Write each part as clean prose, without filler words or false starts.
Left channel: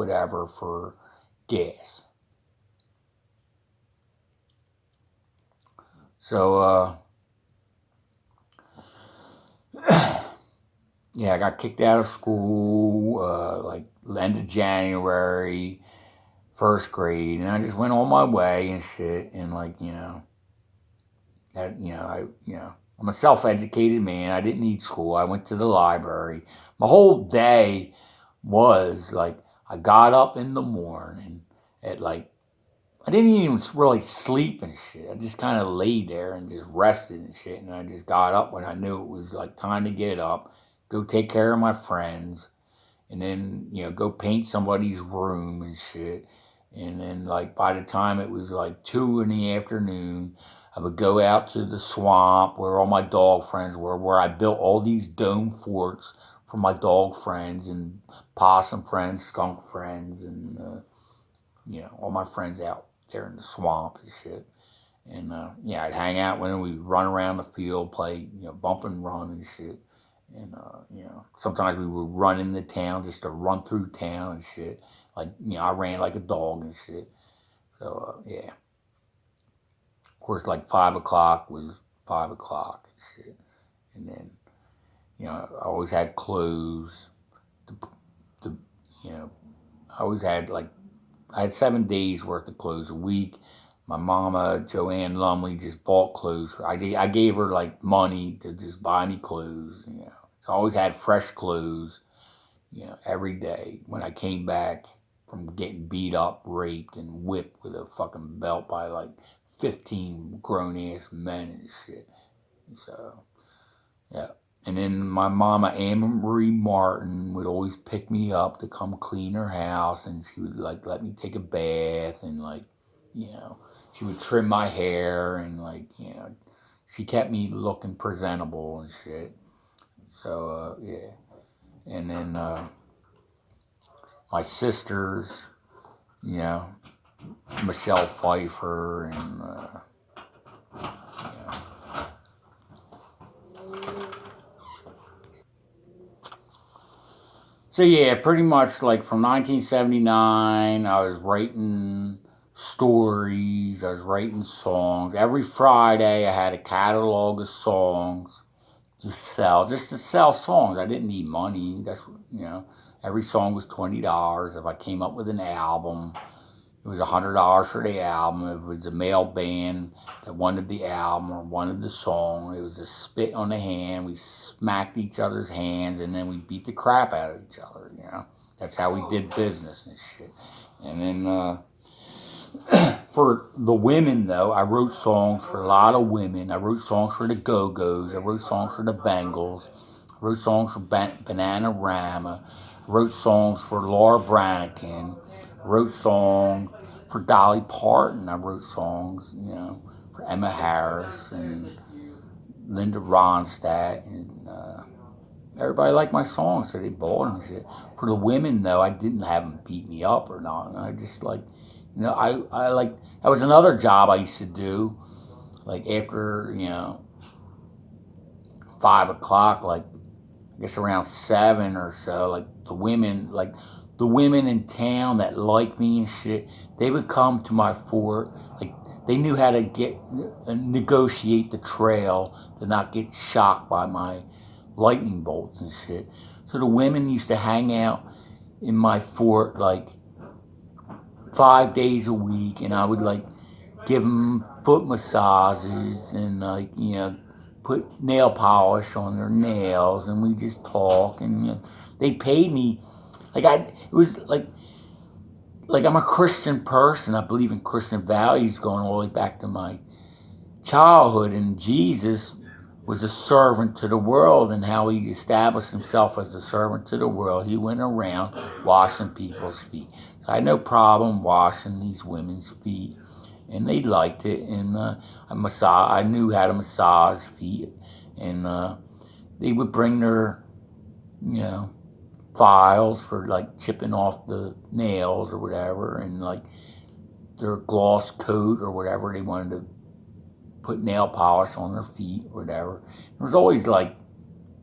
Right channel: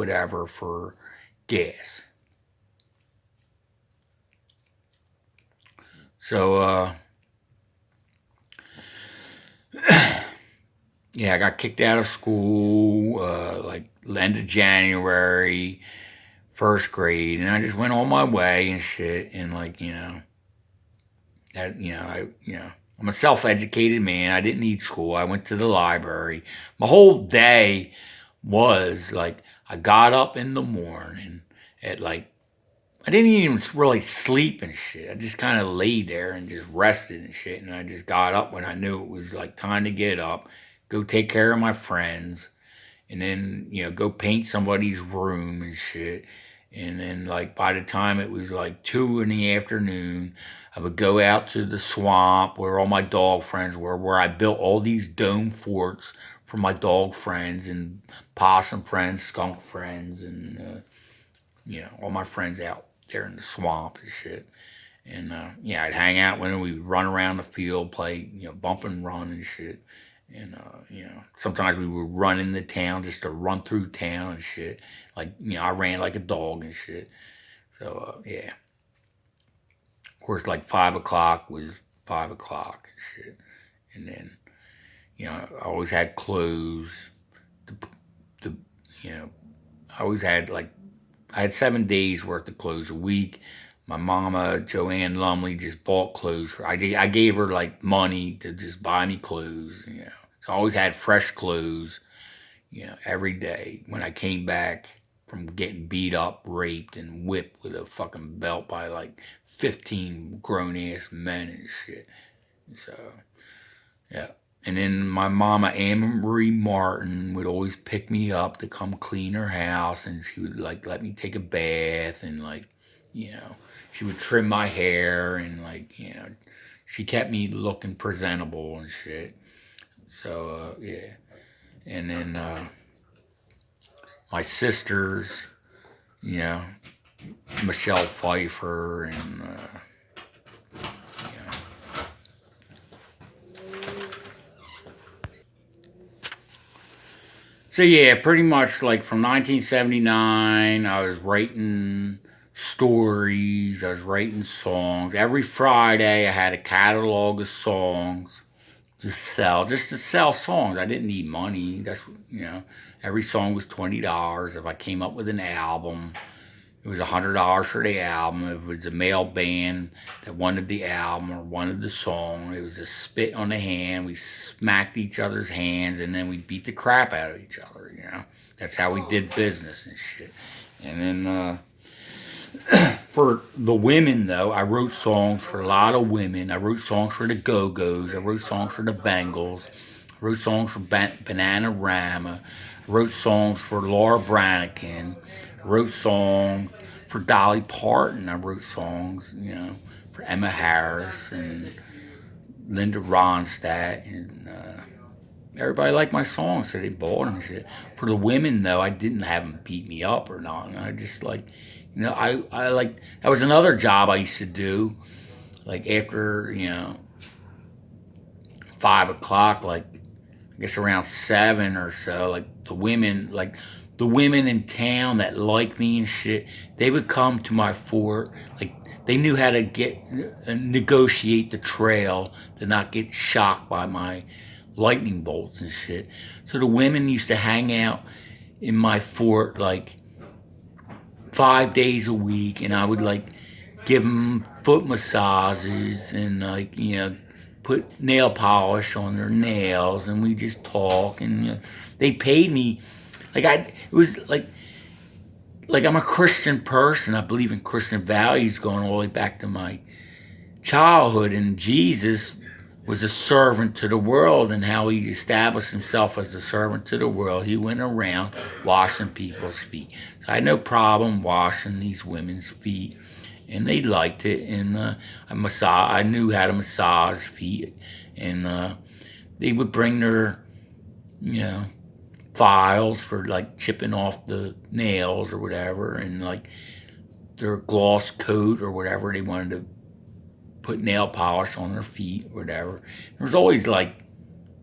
whatever for gas. So, yeah, I got kicked out of school like end of January, first grade, and I just went on my way and shit. And like I'm a self-educated man. I didn't need school. I went to the library. My whole day was like I got up in the morning at like I didn't even really sleep and shit. I just kind of laid there and just rested and shit. And I just got up when I knew it was like time to get up, go take care of my friends, and then go paint somebody's room and shit. And then like by the time it was like 2 in the afternoon, I would go out to the swamp where all my dog friends were, where I built all these dome forts for my dog friends and possum friends, skunk friends, and all my friends out there in the swamp and shit. And yeah, I'd hang out when we'd run around the field, play bump and run and shit. And sometimes we would run in the town just to run through town and shit. Like I ran like a dog and shit. So yeah, of course, like 5 o'clock was 5 o'clock and shit. And then I always had clothes. The you know I always had like I had 7 days worth of clothes a week. My mama, Joanne Lumley, just bought clothes for. I gave her like money to just buy me clothes. So I always had fresh clothes. Every day when I came back from getting beat up, raped, and whipped with a fucking belt by like 15 grown ass men and shit. So yeah. And then my mama, Anne Marie Martin, would always pick me up to come clean her house, and she would like let me take a bath, and like, you know, she would trim my hair, and like, she kept me looking presentable and shit. So yeah, and then my sisters, you know, Michelle Pfeiffer, and you know, so yeah, pretty much like from 1979, I was writing stories, I was writing songs. Every Friday, I had a catalog of songs to sell, just to sell songs. I didn't need money. Every song was $20. If I came up with an album, it was $100 for the album. If it was a male band that wanted the album or wanted the song, it was a spit on the hand. We smacked each other's hands, and then we beat the crap out of each other. That's how we did business and shit. And then for the women, though, I wrote songs for a lot of women. I wrote songs for the Go Go's. I wrote songs for the Bengals. I wrote songs for Bananarama. I wrote songs for Laura Branigan. I wrote songs for Dolly Parton. I wrote songs, for Emma Harris and Linda Ronstadt. And everybody liked my songs, so they bought them and shit. For the women, though, I didn't have them beat me up or not. I just like, I like, that was another job I used to do. Like after, 5 o'clock, like I guess around 7 or so, like the women in town that liked me and shit, they would come to my fort. Like they knew how to negotiate the trail to not get shocked by my lightning bolts and shit. So the women used to hang out in my fort like 5 days a week, and I would like give them foot massages and like put nail polish on their nails, and we just talk, and they paid me like it was like I'm a Christian person. I believe in Christian values going all the way back to my childhood, and Jesus was a servant to the world, and how he established himself as a servant to the world. He went around washing people's feet. So I had no problem washing these women's feet, and they liked it. And I knew how to massage feet, and they would bring their, you know, files for like chipping off the nails or whatever, and like their gloss coat or whatever they wanted to put nail polish on their feet or whatever. There was always like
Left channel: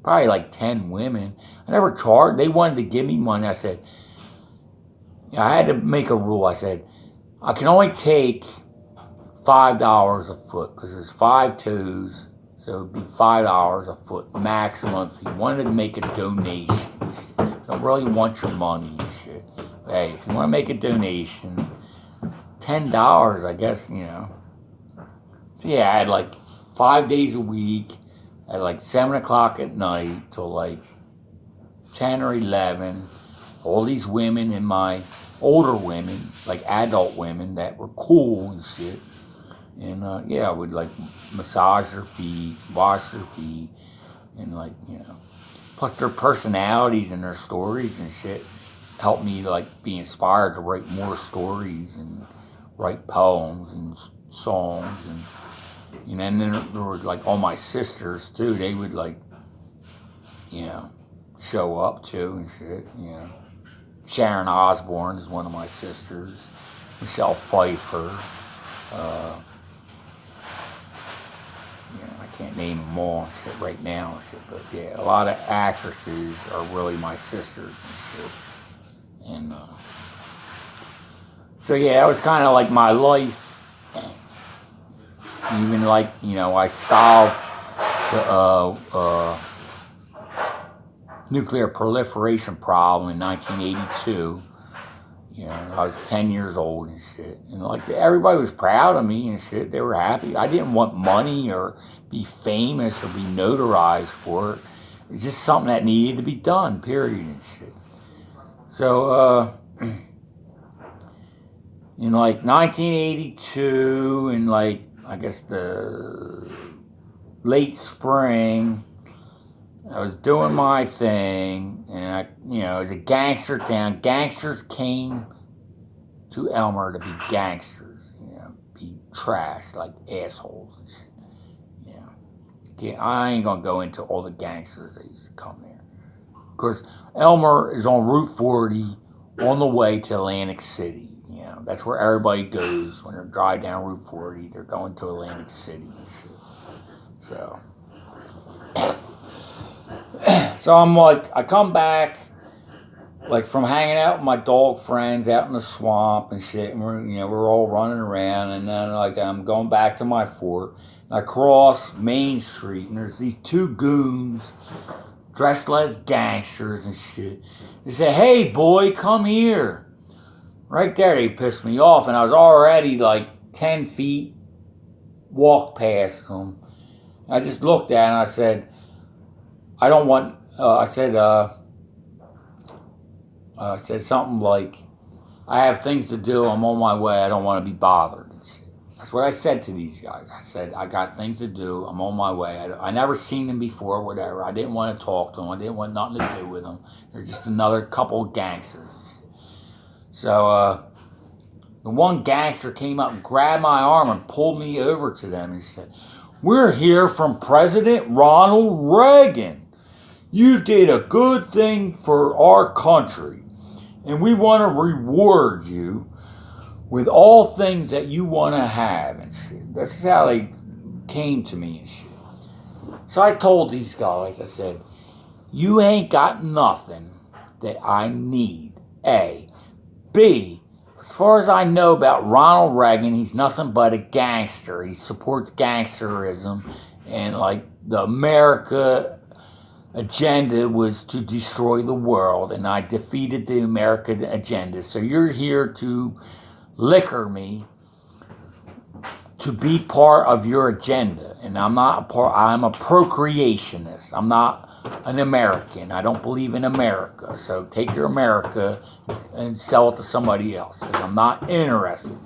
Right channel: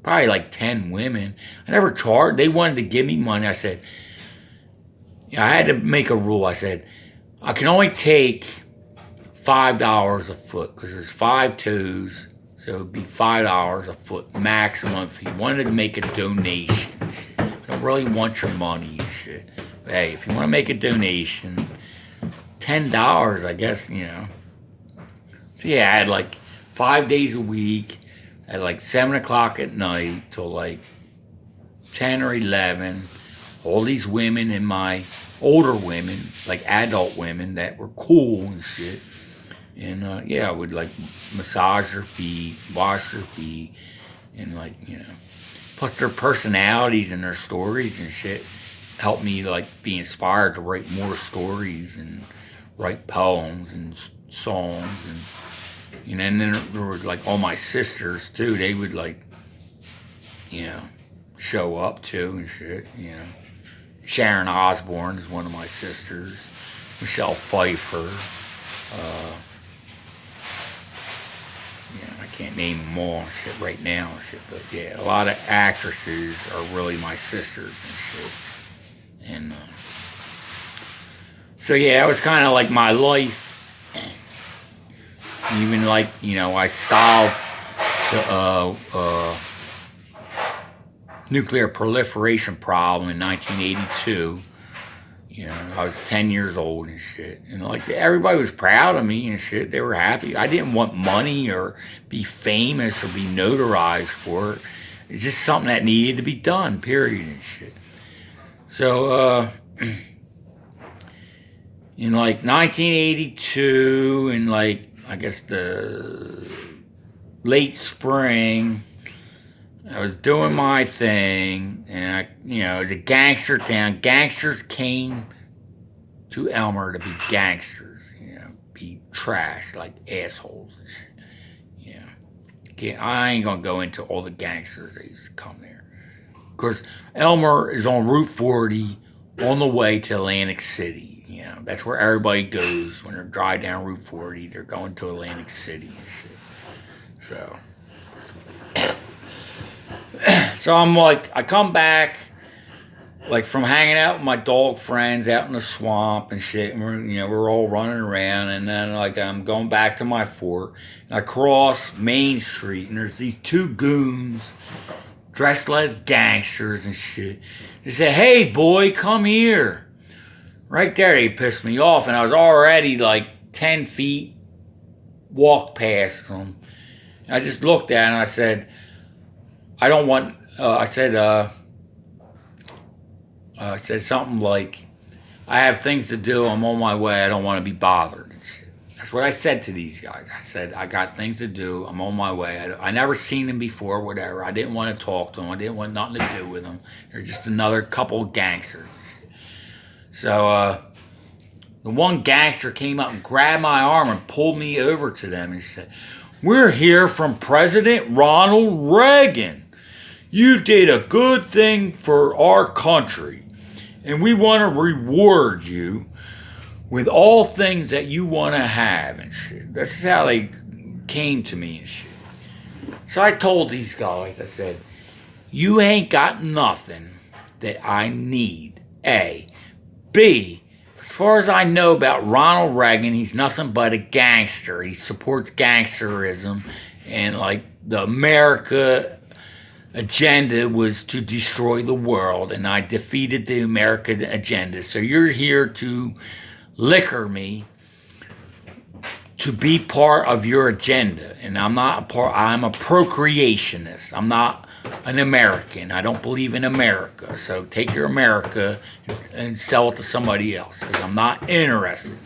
probably like 10 women. I never charged. They wanted to give me money. I said, I had to make a rule. I said, I can only take $5 a foot because there's 5 toes. So it'd be $5 a foot maximum if you wanted to make a donation. I don't really want your money and shit. But hey, if you want to make a donation, $10, I guess, So yeah, I had like 5 days a week at like 7 o'clock at night till like 10 or 11. All these women in my older women, like adult women that were cool and shit. And yeah, I would like massage their feet, wash their feet, and plus their personalities and their stories and shit helped me like be inspired to write more stories and write poems and songs and then there were like all my sisters too. They would like show up too and shit. Sharon Osbourne is one of my sisters. Michelle Pfeiffer. Uh, I can't name them all shit right now shit, but yeah, a lot of actresses are really my sisters and shit. And so yeah, it was kind of like my life. Even like I solved the nuclear proliferation problem in 1982. I was 10 years old and shit. And like everybody was proud of me and shit. They were happy. I didn't want money or be famous or be notarized for it. It's just something that needed to be done, period and shit. So, in like 1982 and like, I guess the late spring, I was doing my thing, and it was a gangster town. Gangsters came to Elmer to be gangsters, be trash, like assholes and shit. Yeah. I ain't gonna go into all the gangsters that used to come there. Of course, Elmer is on Route 40 on the way to Atlantic City. That's where everybody goes when they drive down Route 40. They're going to Atlantic City and shit. So I'm like, I come back, like from hanging out with my dog friends out in the swamp and shit, and we're all running around, and then like I'm going back to my fort, and I cross Main Street, and there's these two goons dressed as gangsters and shit. They say, "Hey boy, come here." Right there, they pissed me off, and I was already like 10 feet, walked past them. And I just looked at it and I said, I don't want, I said something like, I have things to do, I'm on my way, I don't want to be bothered and shit. That's what I said to these guys. I said, I got things to do, I'm on my way. I never seen them before, whatever. I didn't want to talk to them, I didn't want nothing to do with them. They're just another couple of gangsters. So the one gangster came up and grabbed my arm and pulled me over to them. He said, "We're here from President Ronald Reagan. You did a good thing for our country, and we want to reward you with all things that you want to have and shit." That's how they came to me and shit. So I told these guys, I said, "You ain't got nothing that I need, A. B, as far as I know about Ronald Reagan, he's nothing but a gangster. He supports gangsterism, and like the America agenda was to destroy the world, and I defeated the America agenda. So you're here to liquor me to be part of your agenda, and I'm not a part. I'm a procreationist. I'm not an American. I don't believe in America. So take your America and sell it to somebody else, because I'm not interested."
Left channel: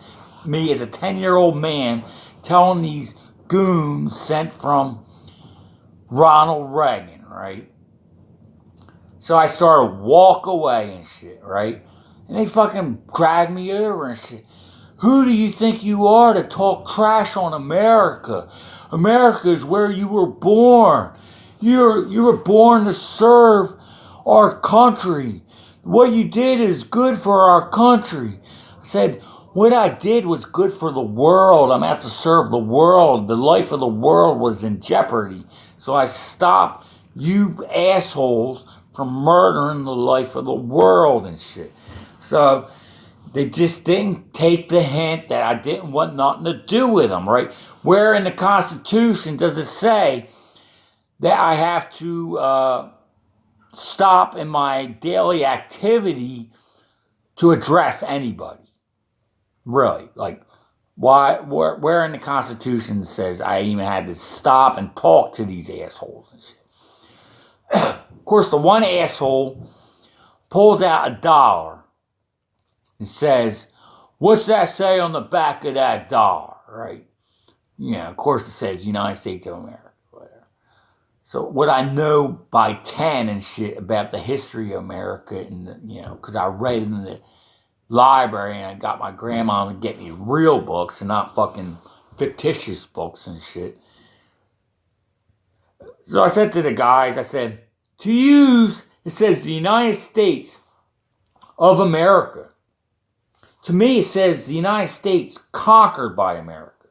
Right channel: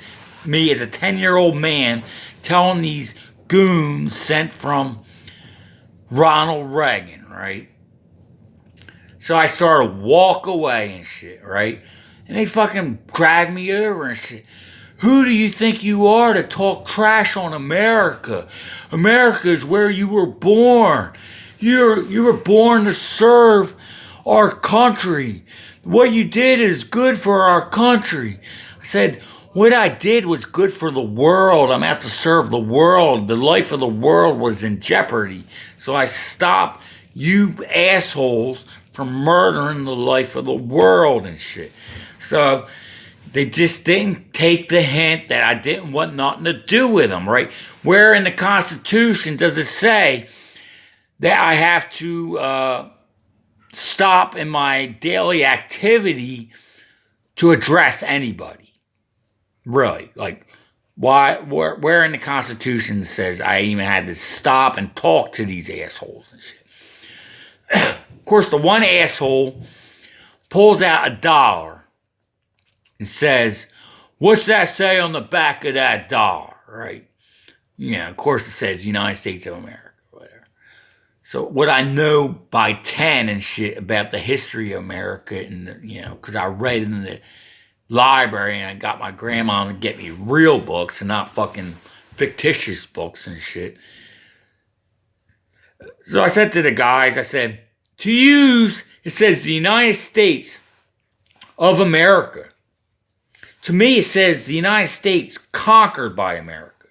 Me as a 10-year-old man telling these goons sent from Ronald Reagan, right? So I started to walk away and shit, right? And they fucking dragged me over and shit. "Who do you think you are to talk trash on America? America is where you were born. You were born to serve our country. What you did is good for our country." I said, "What I did was good for the world. I'm out to serve the world. The life of the world was in jeopardy. So I stopped you assholes from murdering the life of the world and shit." So They just didn't take the hint that I didn't want nothing to do with them, right? Where in the Constitution does it say that I have to stop in my daily activity to address anybody? Really? Like, why? Where in the Constitution says I even had to stop and talk to these assholes and shit? Of course, the one asshole pulls out $1 and says, "What's that say on the back of that dollar?" Right? Yeah, of course it says United States of America, whatever. So what I know by 10 and shit about the history of America, and because I read in the library and I got my grandma to get me real books and not fucking fictitious books and shit. So I said to the guys, I said, to use, it says the United States of America. To me, it says the United States conquered by America.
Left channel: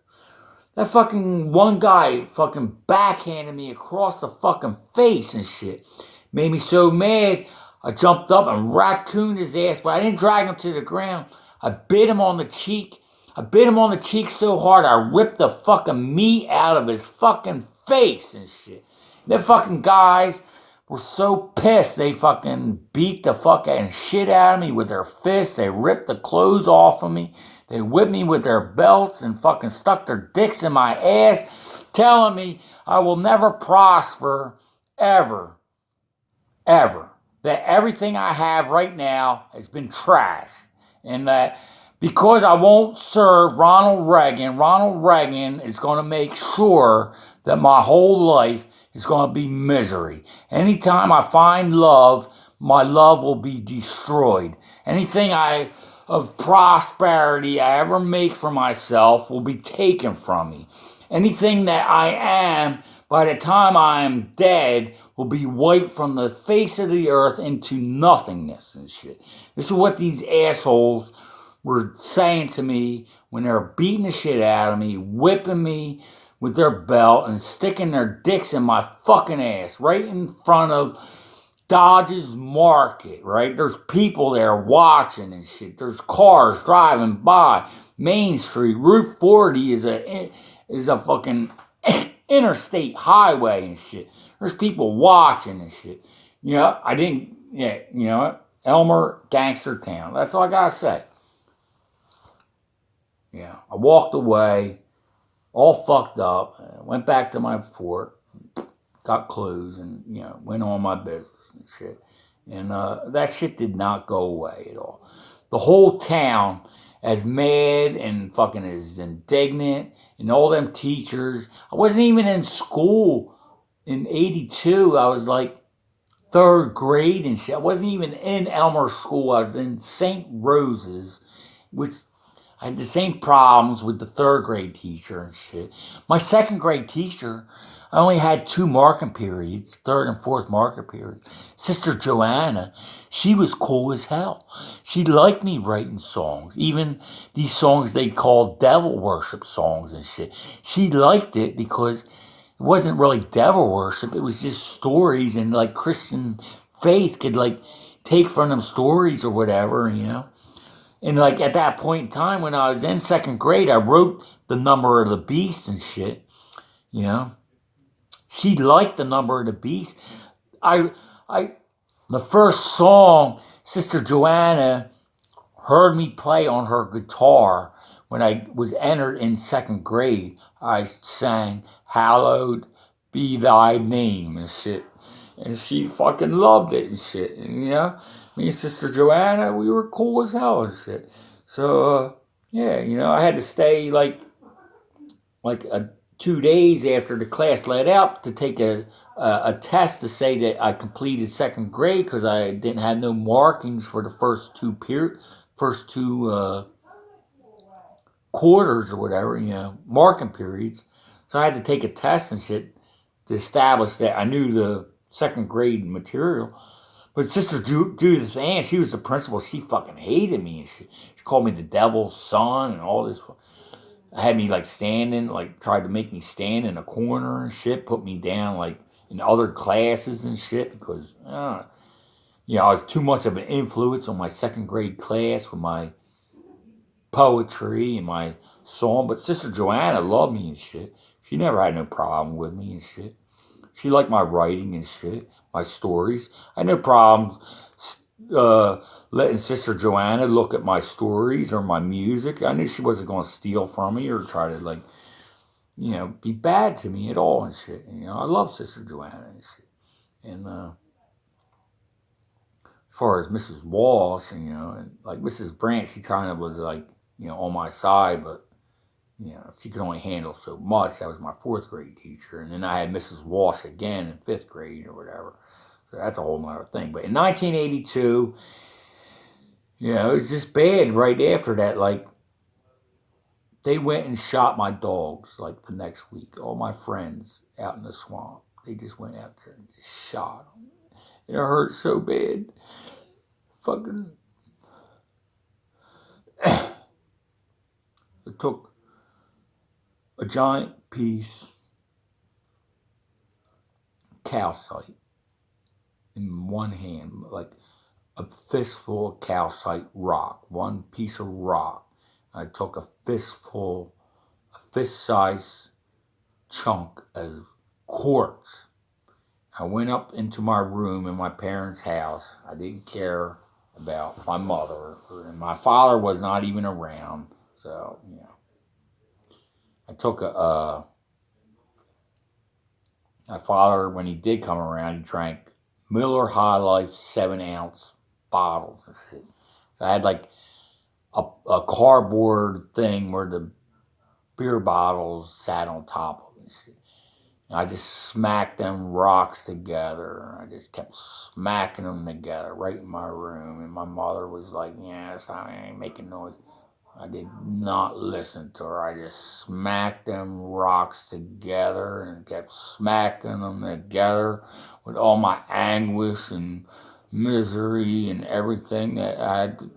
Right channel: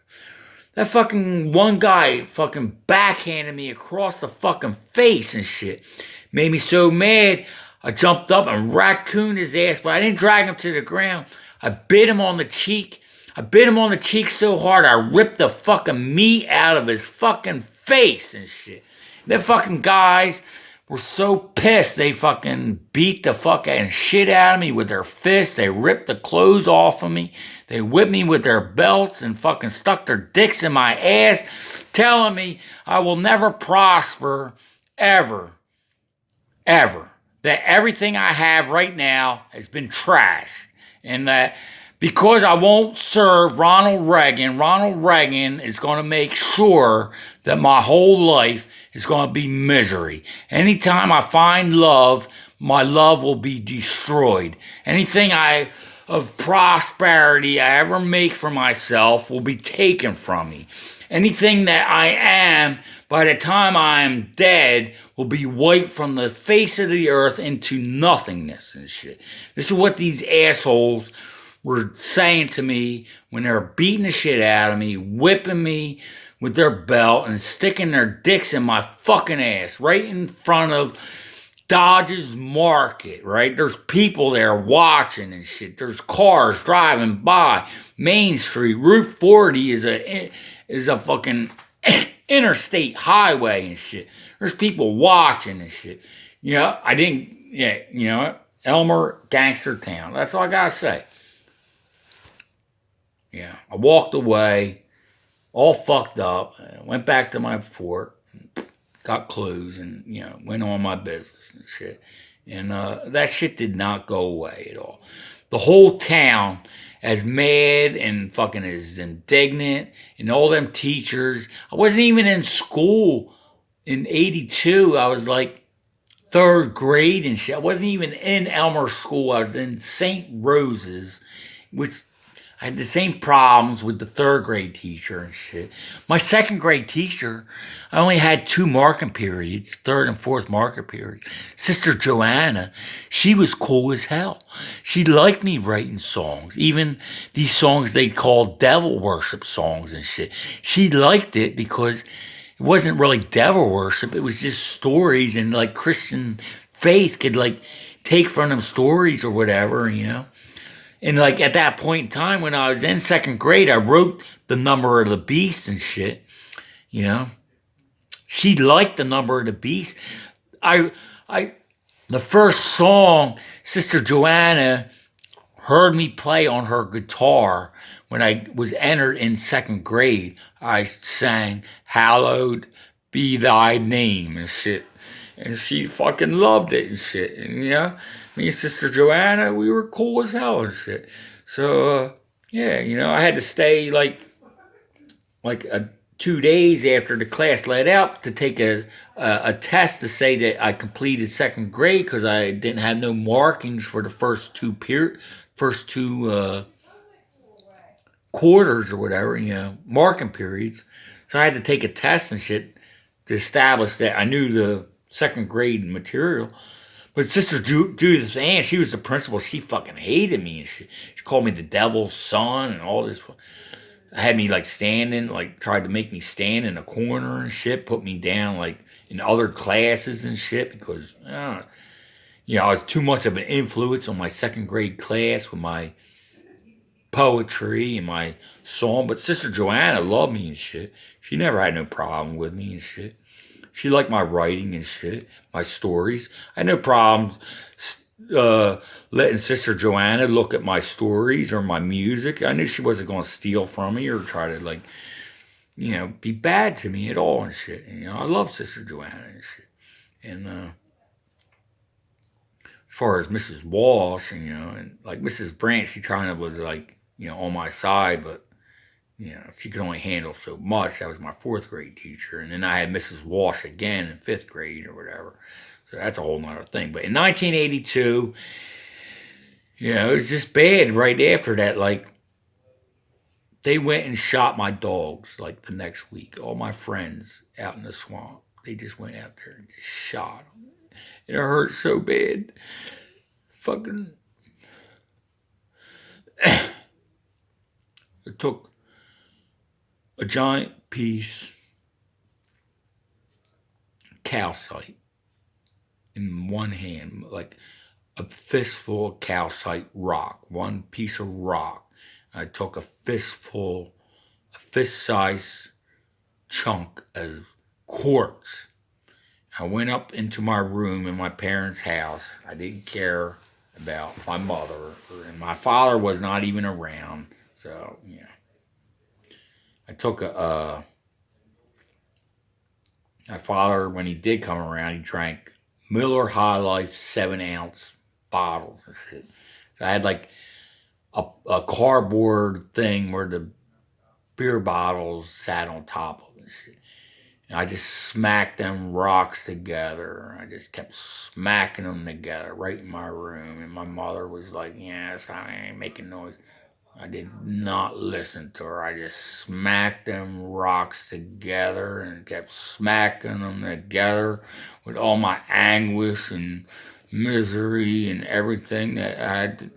That fucking one guy fucking backhanded me across the fucking face and shit. Made me so mad, I jumped up and raccooned his ass, but I didn't drag him to the ground. I bit him on the cheek. I bit him on the cheek so hard, I ripped the fucking meat out of his fucking face and shit. Them fucking guys were so pissed, they fucking beat the fucking shit out of me with their fists. They ripped the clothes off of me. They whipped me with their belts and fucking stuck their dicks in my ass, telling me I will never prosper, ever, ever. That everything I have right now has been trashed. And that because I won't serve Ronald Reagan is going to make sure that my whole life is going to be misery. Anytime I find love, my love will be destroyed. Anything of prosperity I ever make for myself will be taken from me. Anything that I am, by the time I am dead, will be wiped from the face of the earth into nothingness and shit. This is what these assholes were saying to me when they were beating the shit out of me, whipping me with their belt and sticking their dicks in my fucking ass right in front of Dodge's Market, right? There's people there watching and shit. There's cars driving by. Main Street, Route 40 is a fucking interstate highway and shit. There's people watching and shit. Elmer, gangster town. That's all I gotta say. Yeah, I walked away, all fucked up, went back to my fort, got clothes, and, went on my business and shit. And that shit did not go away at all. The whole town, as mad and fucking as indignant, and all them teachers. I wasn't even in school in 82. I was like third grade and shit. I wasn't even in Elmer School. I was in St. Rose's, which I had the same problems with the third grade teacher and shit. My second grade teacher, I only had 2 marking periods, third and fourth marking periods. Sister Joanna, she was cool as hell. She liked me writing songs, even these songs they called devil worship songs and shit. She liked it because it wasn't really devil worship. It was just stories, and like Christian faith could like take from them stories or whatever, And like at that point in time when I was in second grade, I wrote the number of the beast and shit, She liked the number of the beast. The first song Sister Joanna heard me play on her guitar when I was entered in second grade. I sang, "Hallowed be thy name" and shit. And she fucking loved it and shit. And me and Sister Joanna, we were cool as hell and shit. So, I had to stay like 2 days after the class let out to take a test to say that I completed second grade because I didn't have no markings for the first two quarters or whatever, marking periods. So I had to take a test and shit to establish that I knew the second grade material. But Sister Judith Ann, she was the principal. She fucking hated me and shit. She called me the devil's son and all this. Had me like standing, like tried to make me stand in a corner and shit. Put me down like in other classes and shit because I was too much of an influence on my second grade class with my poetry and my song. But Sister Joanna loved me and shit. She never had no problem with me and shit. She liked my writing and shit, my stories. I had no problems uh, letting Sister Joanna look at my stories or my music. I knew she wasn't going to steal from me or try to, like, be bad to me at all and shit. I love Sister Joanna and shit. And as far as Mrs. Walsh, and like Mrs. Branch, she kind of was like, on my side, but she could only handle so much. That was my fourth grade teacher. And then I had Mrs. Walsh again in fifth grade or whatever. So that's a whole nother thing. But in 1982, it was just bad right after that. Like, they went and shot my dogs like the next week. All my friends out in the swamp. They just went out there and just shot them. And it hurt so bad. Fucking. It took a giant piece of calcite in one hand, like a fistful of calcite rock, one piece of rock. I took a fist-sized chunk of quartz. I went up into my room in my parents' house. I didn't care about my mother, and my father was not even around. So, I took my father, when he did come around, he drank Miller High Life 7-ounce bottles and shit. So I had like a cardboard thing where the beer bottles sat on top of it and shit. And I just smacked them rocks together. I just kept smacking them together right in my room. And my mother was like, yeah, I ain't making noise. I did not listen to her. I just smacked them rocks together and kept smacking them together with all my anguish and misery and everything that I had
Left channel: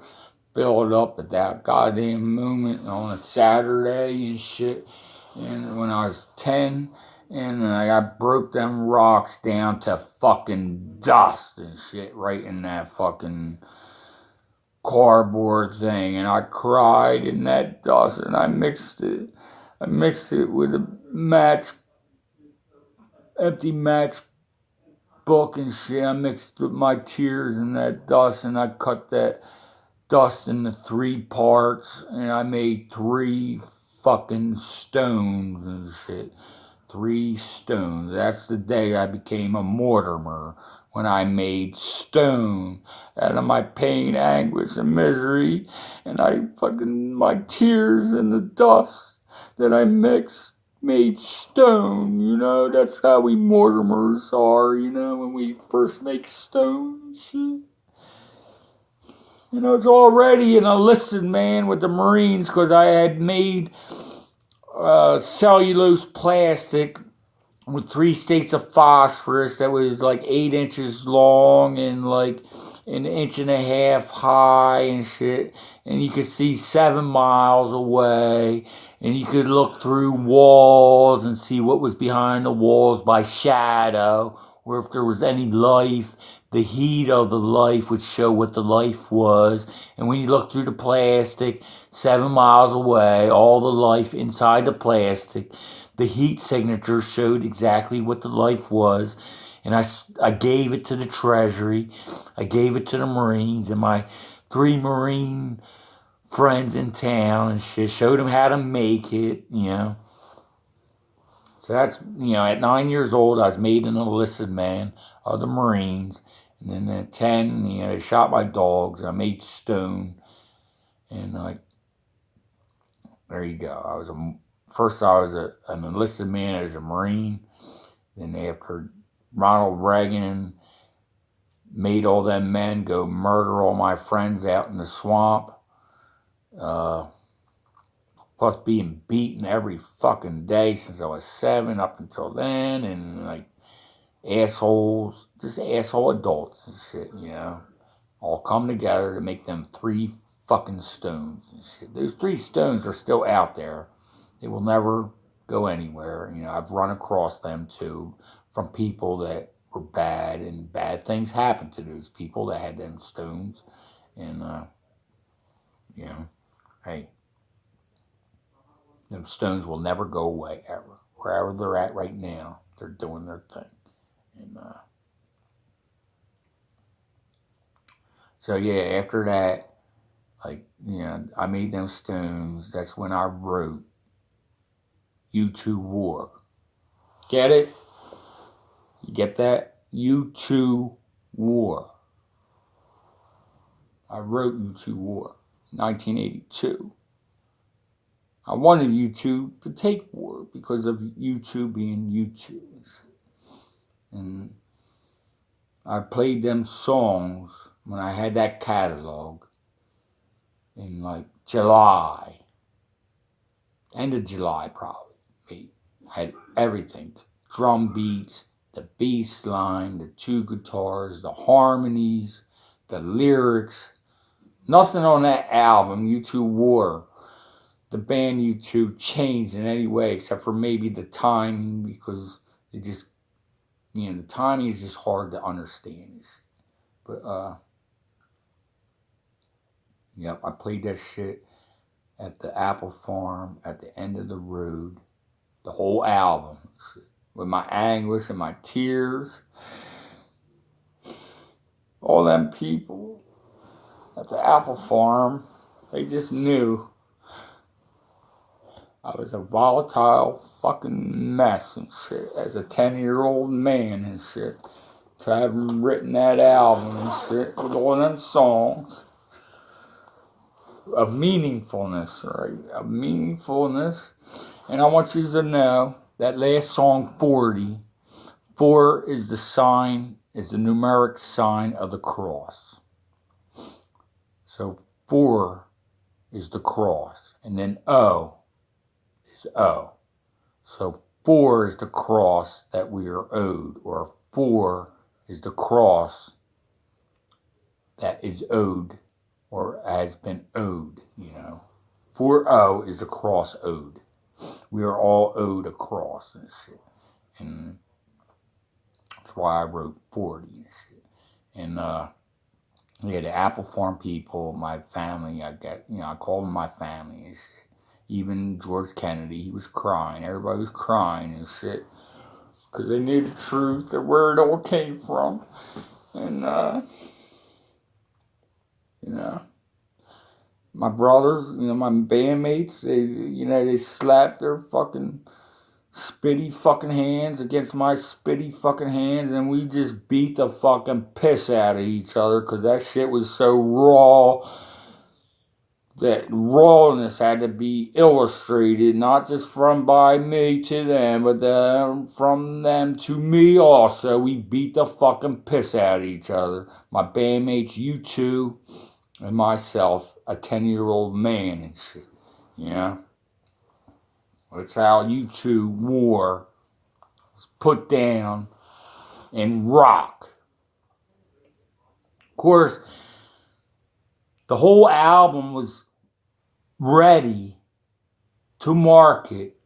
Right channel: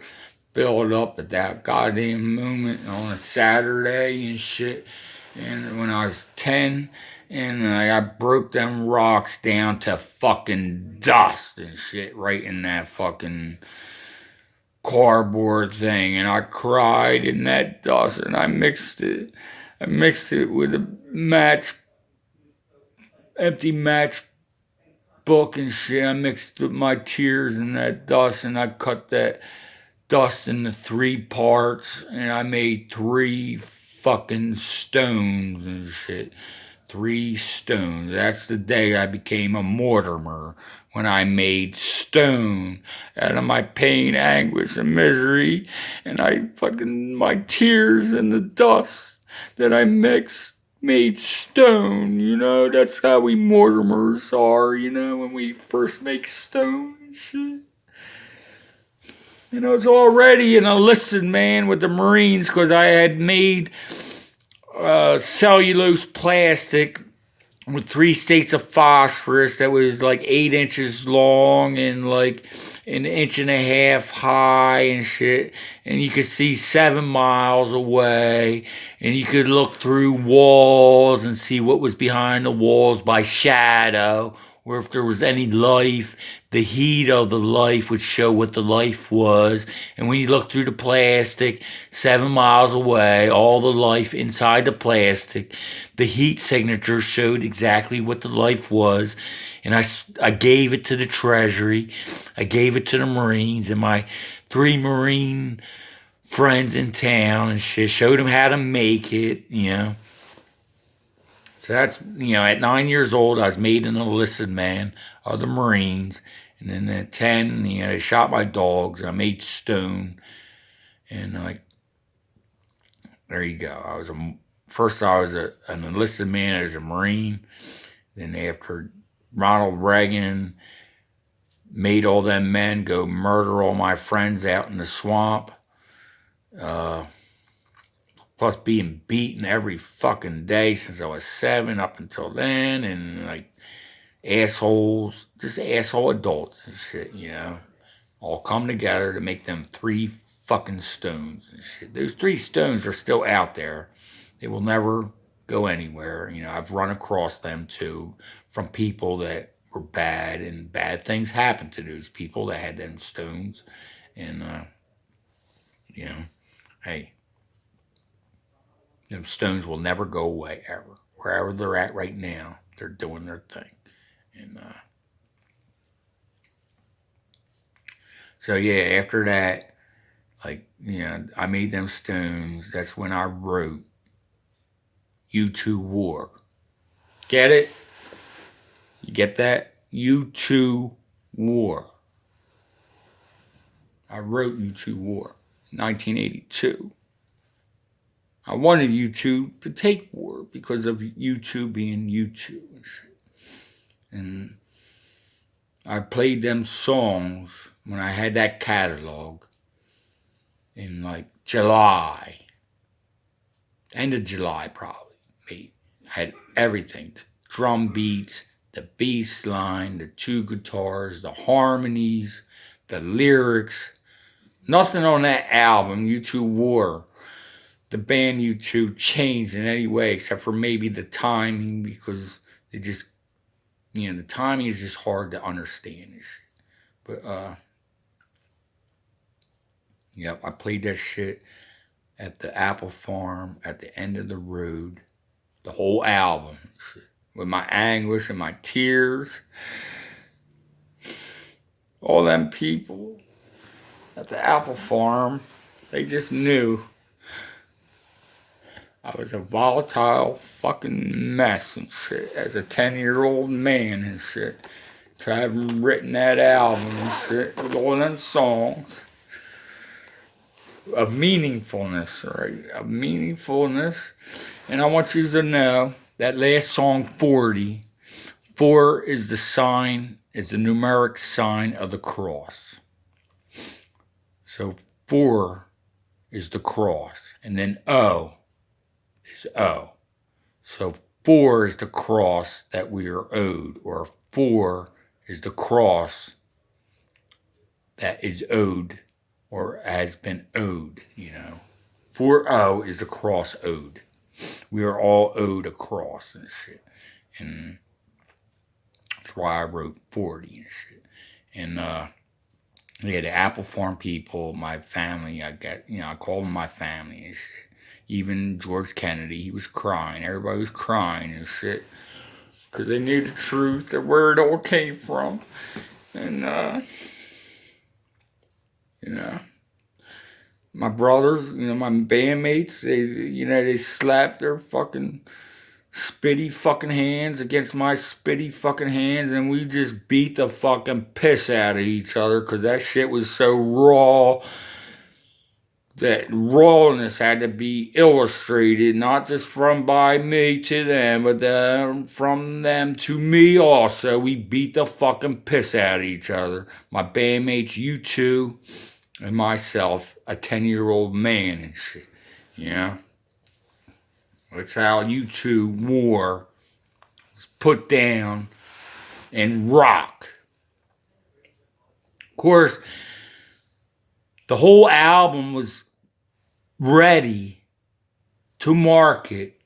built up at that goddamn moment on a Saturday and shit. And when I was 10, and I broke them rocks down to fucking dust and shit right in that fucking cardboard thing, and I cried in that dust, and I mixed it. I mixed it with a empty match book and shit. I mixed my tears in that dust, and I cut that dust into 3 parts, and I made 3 fucking stones and shit. 3 stones. That's the day I became a Mortimer, when I made stone out of my pain, anguish, and misery, and my tears in the dust that I mixed made stone. That's how we Mortimers are. When we first make stone and shit. It's already an enlisted man with the Marines because I had made cellulose plastic with 3 states of phosphorus that was like 8 inches long and like an inch and a half high and shit. And you could see 7 miles away, and you could look through walls and see what was behind the walls by shadow, or if there was any life, the heat of the life would show what the life was. And when you look through the plastic 7 miles away, all the life inside the plastic, the heat signature showed exactly what the life was. And I gave it to the Treasury. I gave it to the Marines and my 3 Marine friends in town and shit. Showed them how to make it. So that's, at 9 years old, I was made an enlisted man of the Marines. And then at 10, they shot my dogs, and I made stone. And, there you go. First I was an enlisted man as a Marine. Then after Ronald Reagan made all them men go murder all my friends out in the swamp, plus being beaten every fucking day since I was 7 up until then, and like assholes, just asshole adults and shit, all come together to make them 3 fucking stones and shit. Those 3 stones are still out there. They will never go anywhere. I've run across them too from people that were bad, and bad things happened to those people that had them stones. And, hey, Them Stones will never go away ever. Wherever they're at right now, they're doing their thing. And so yeah, after that, like I made them Stones. That's when I wrote U2 War. Get it? You get that? U2 War. I wrote U2 War, 1982. I wanted U2 to take war because of U2 being U2 and shit. And I played them songs when I had that catalog in like July, end of July probably. Maybe. I had everything: the drum beats, the bass line, the two guitars, the harmonies, the lyrics. Nothing on that album, U2 War, the band U2 changed in any way except for maybe the timing because it just, the timing is just hard to understand. But, yep, I played that shit at the Apple Farm at the end of the road, the whole album, shit, with my anguish and my tears. All them people at the Apple Farm, they just knew I was a volatile fucking mess and shit as a 10-year-old man and shit. To have written that album and shit with all them songs of meaningfulness, right? Of meaningfulness. And I want you to know that last song, 40, 4 is the sign, is the numeric sign of the cross. So 4 is the cross. And then O is O. So 4 is the cross that we are owed, or 4 is the cross that is owed or has been owed, 4-0 is the cross owed. We are all owed a cross and shit. And that's why I wrote 40 and shit. And yeah, the Apple Farm people, my family, I call them my family and shit. Even George Kennedy, he was crying. Everybody was crying and shit. Because they knew the truth of where it all came from. And, my brothers, my bandmates, they slapped their fucking spitty fucking hands against my spitty fucking hands, and we just beat the fucking piss out of each other because that shit was so raw. That rawness had to be illustrated, not just from by me to them, but from them to me also. We beat the fucking piss out of each other. My bandmates, U2, and myself, a 10-year-old man and shit. That's how U2 War was put down and rock. Of course, the whole album was ready to market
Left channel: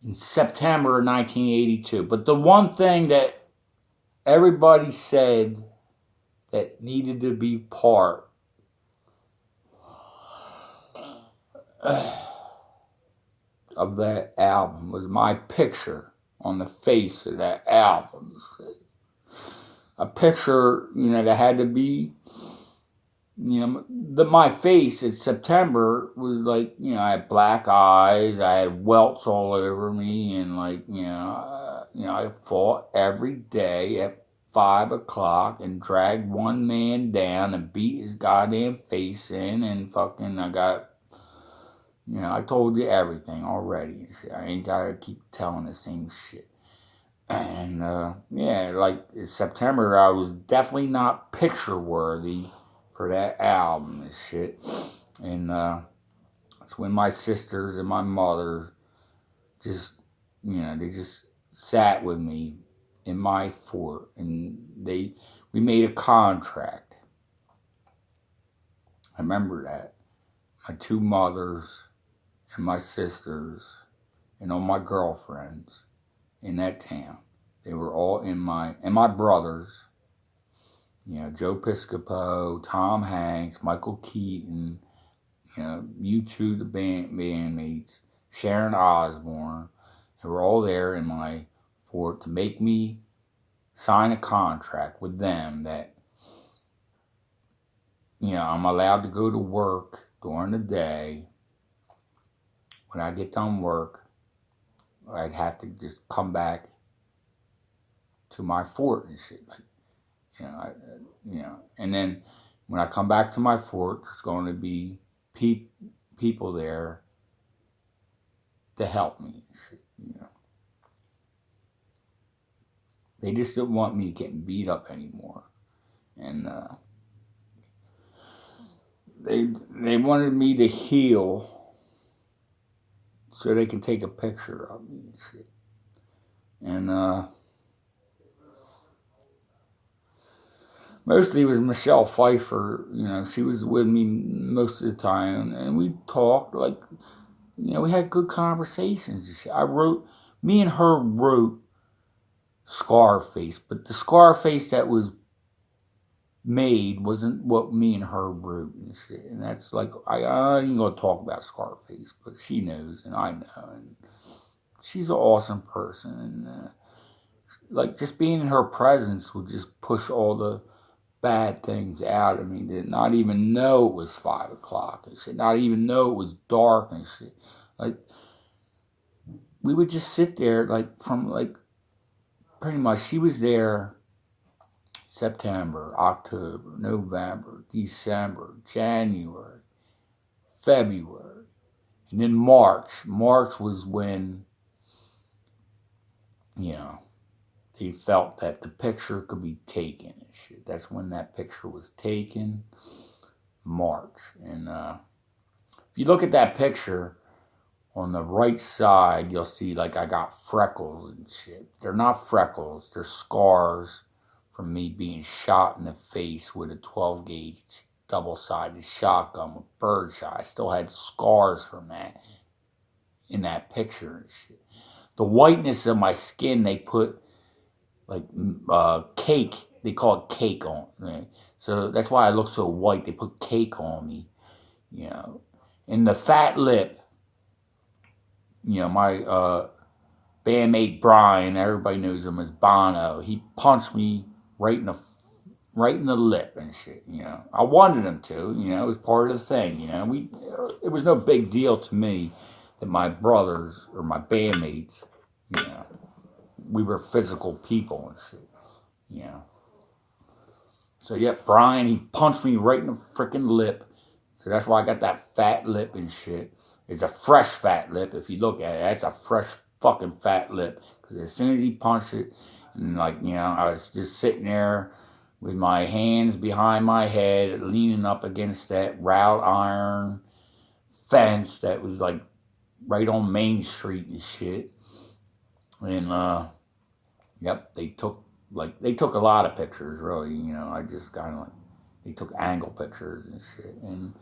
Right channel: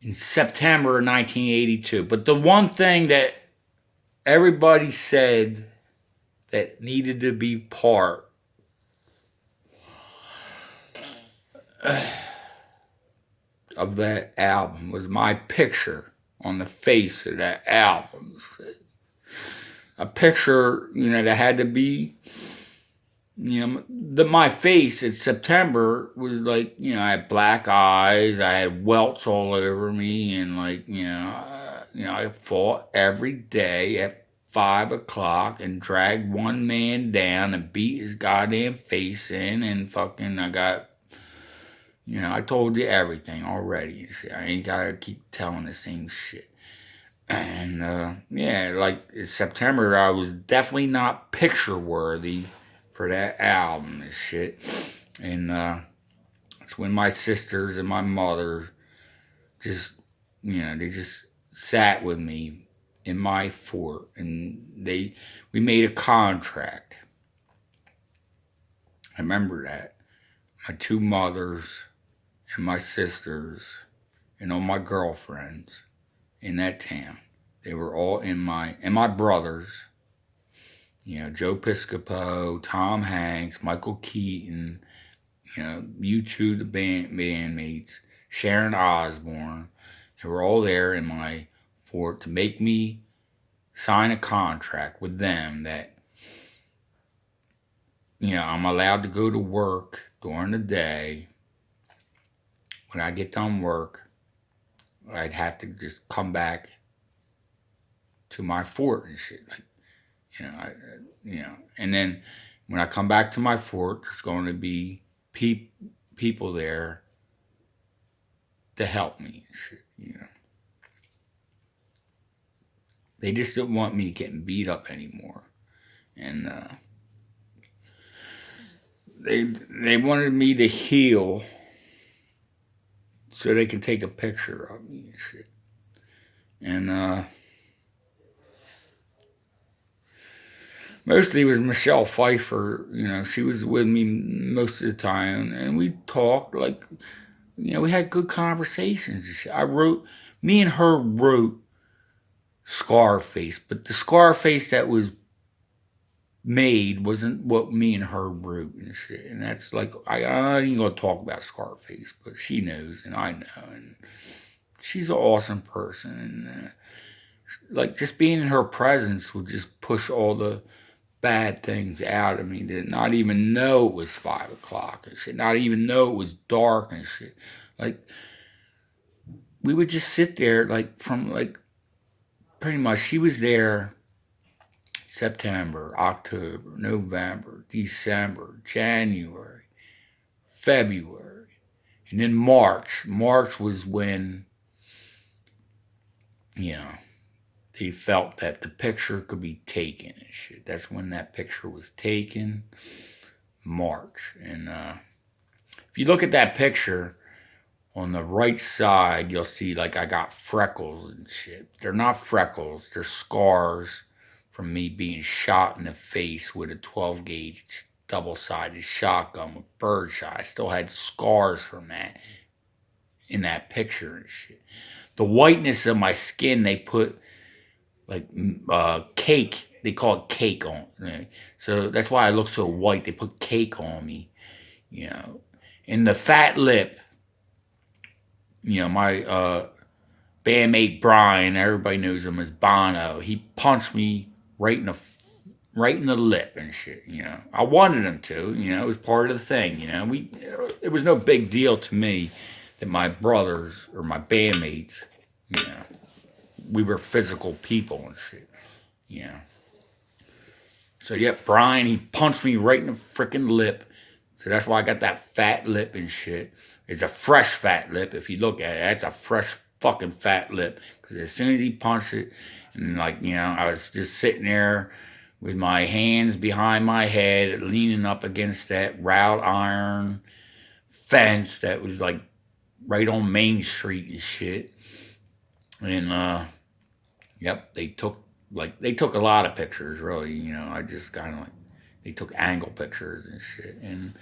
in September of 1982. But the one thing that everybody said that needed to be part of that album was my picture on the face of that album. A picture, that had to be, my face in September was like, I had black eyes, I had welts all over me, and like, I fought every day at 5 o'clock and dragged one man down and beat his goddamn face in, and fucking I got, I told you everything already. I ain't gotta keep telling the same shit. And yeah, like in September, I was definitely not picture worthy for that album and shit. And it's when my sisters and my mother just, they just sat with me in my fort, and we made a contract. I remember that. My two mothers and my sisters and all my girlfriends in that town. They were all and my brothers, Joe Piscopo, Tom Hanks, Michael Keaton, U2, the bandmates. Sharon Osbourne. They were all there in my fort to make me sign a contract with them that, I'm allowed to go to work during the day. When I get done work, I'd have to just come back to my fort and shit. Like, and then when I come back to my fort, there's going to be people there to help me and shit. They just didn't want me getting beat up anymore. And they wanted me to heal so they could take a picture of me and shit. And mostly it was Michelle Pfeiffer. She was with me most of the time, and we talked like, we had good conversations. Me and her wrote Scarface, but the Scarface that was made wasn't what me and her wrote and shit. And that's like, I ain't gonna talk about Scarface, but she knows and I know. And she's an awesome person. And like, just being in her presence would just push all the bad things out of me. To not even know it was 5 o'clock and shit, not even know it was dark and shit. Like, we would just sit there, like, from like, pretty much, she was there September, October, November, December, January, February, and then March. March was when, they felt that the picture could be taken and shit. That's when that picture was taken, March. And if you look at that picture, on the right side, you'll see like I got freckles and shit. They're not freckles, they're scars from me being shot in the face with a 12 gauge double sided shotgun with birdshot. I still had scars from that in that picture and shit. The whiteness of my skin, they put like cake. They call it cake on. So that's why I look so white. They put cake on me, And the fat lip, my bandmate Brian, everybody knows him as Bono. He punched me right in the lip and shit. I wanted him to. It was part of the thing. It was no big deal to me that my brothers or my bandmates, we were physical people and shit. So Brian, he punched me right in the freaking lip. So that's why I got that fat lip and shit. It's a fresh fat lip. If you look at it, that's a fresh fucking fat lip. Because as soon as he punched it, and I was just sitting there with my hands behind my head, leaning up against that wrought iron fence that was like right on Main Street and shit. And they took a lot of pictures, really. I just kind of they took angle pictures and shit. And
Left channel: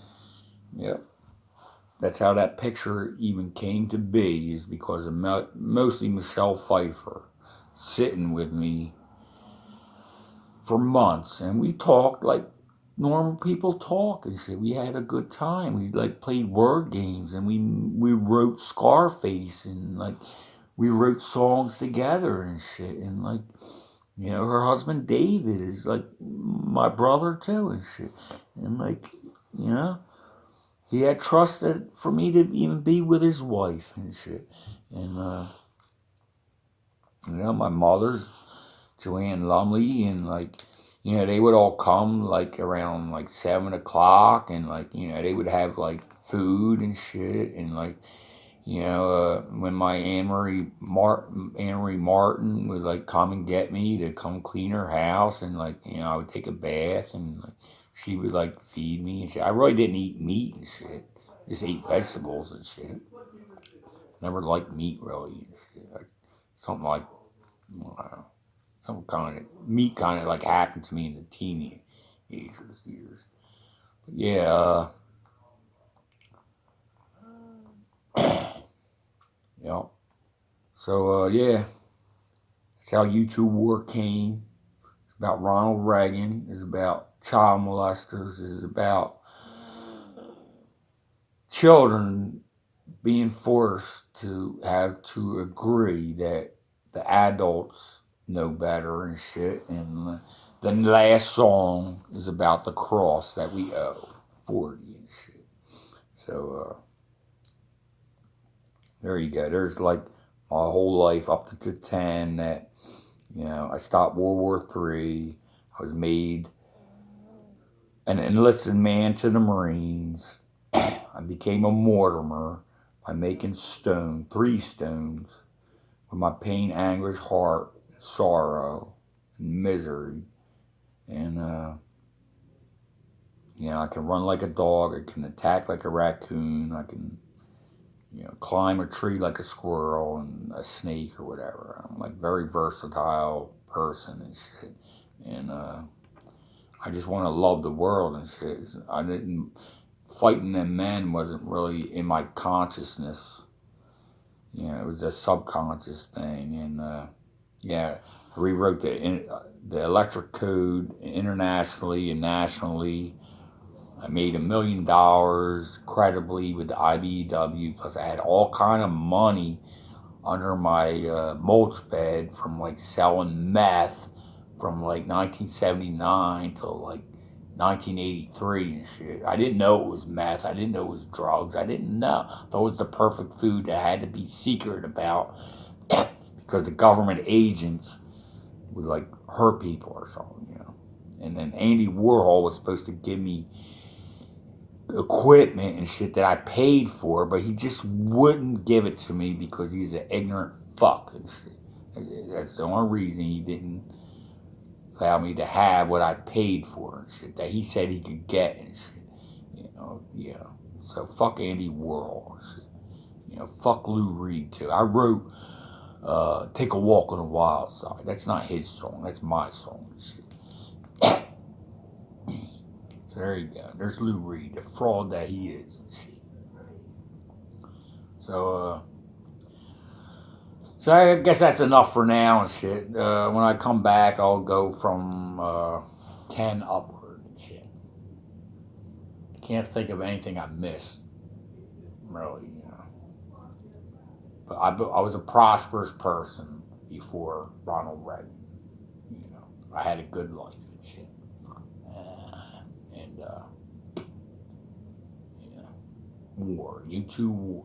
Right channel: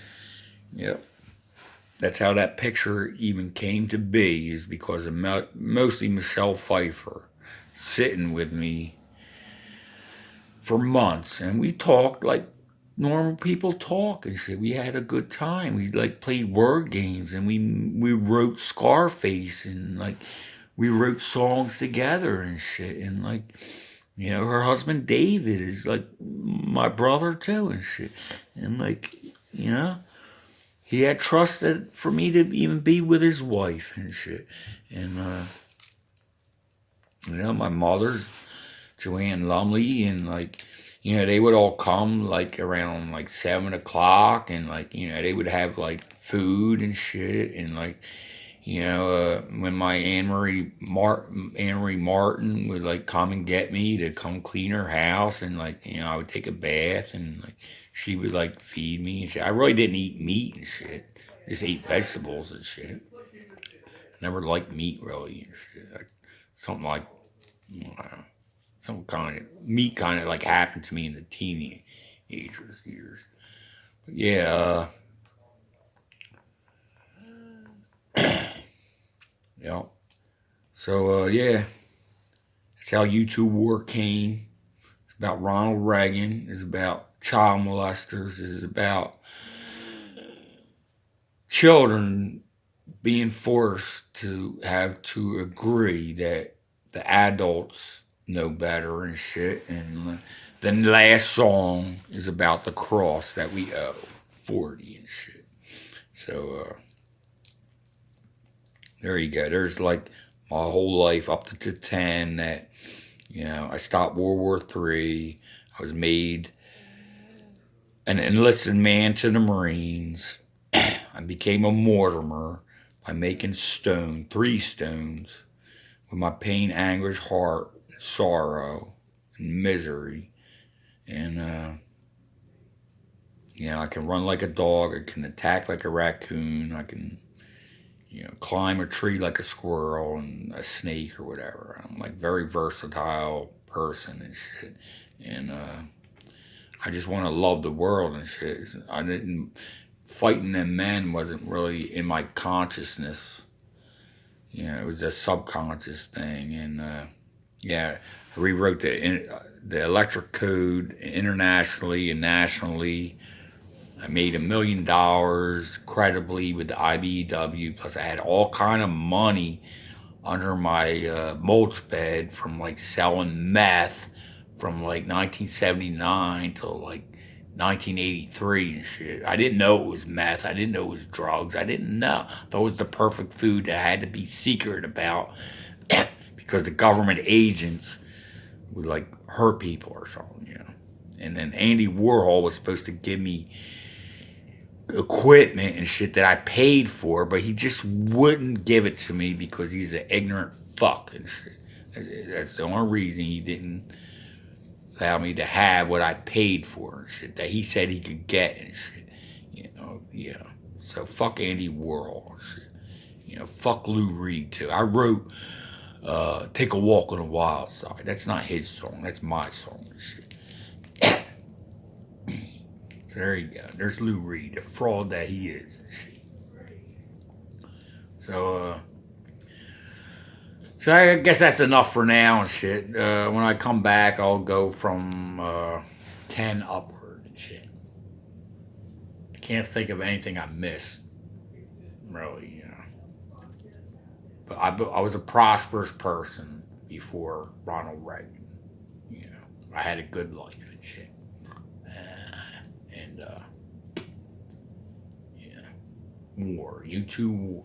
that's how that picture even came to be, is because of mostly Michelle Pfeiffer sitting with me for months, and we talked like normal people talk and shit. We had a good time. We like played word games, and we wrote Scarface, and like we wrote songs together and shit. And like, her husband David is like my brother too and shit. And like, he had trusted for me to even be with his wife and shit. And my mother's Joanne Lumley, and like, they would all come like around like 7 o'clock, and like, they would have like food and shit. And like, when my Anne Marie Martin would like come and get me to come clean her house, and like, I would take a bath, and like she would like feed me and shit. I really didn't eat meat and shit. Just ate vegetables and shit. Never liked meat really and shit. Something like, I don't know, some kind of meat kind of like happened to me in the teenage years. But yeah. So that's how YouTube War came. It's about Ronald Reagan. It's about child molesters. It's about children being forced to have to agree that the adults know better and shit. And the last song is about the cross that we owe, 40 and shit. So there you go. There's like my whole life up to 10 that, I stopped World War III. I was made an enlisted man to the Marines. I became a Mortimer by making three stones, with my pain, anguish, heart, sorrow, and misery. And, I can run like a dog. I can attack like a raccoon. I can, climb a tree like a squirrel and a snake or whatever. I'm like very versatile person and shit. And, I just want to love the world and shit. I didn't, fighting them men wasn't really in my consciousness. It was a subconscious thing. And, yeah, I rewrote the electric code internationally and nationally. I made $1 million credibly with the IBEW. Plus, I had all kind of money under my mulch bed from like selling meth from like 1979 till like 1983 and shit. I didn't know it was meth. I didn't know it was drugs. I didn't know. I thought it was the perfect food that I had to be secret about because the government agents would like hurt people or something. And then Andy Warhol was supposed to give me equipment and shit that I paid for, but he just wouldn't give it to me because he's an ignorant fuck and shit. That's the only reason he didn't allow me to have what I paid for and shit that he said he could get and shit. Yeah. So fuck Andy Warhol and shit. Fuck Lou Reed too. I wrote "Take a Walk on the Wild Side." That's not his song. That's my song and shit. So there you go. There's Lou Reed, the fraud that he is and shit. So, I guess that's enough for now and shit. When I come back, I'll go from 10 upward and shit. I can't think of anything I missed, really. But I was a prosperous person before Ronald Reagan. I had a good life and shit. And, yeah, war. You too, war.